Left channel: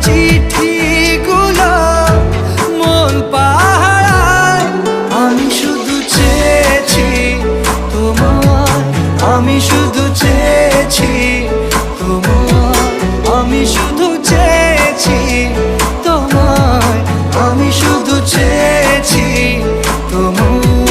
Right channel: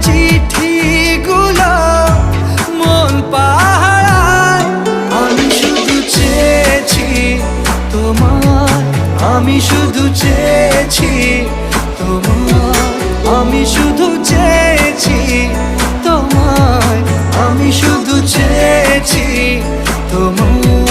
চিঠিগুলো মন পাহারায়। আমি শুধু চেয়েছি তোমায়, আমি শুধু চেয়েছি তোমায়, আমি শুধু চেয়েছি তোমায়, আমি শুধু চেয়েছি তোমায়।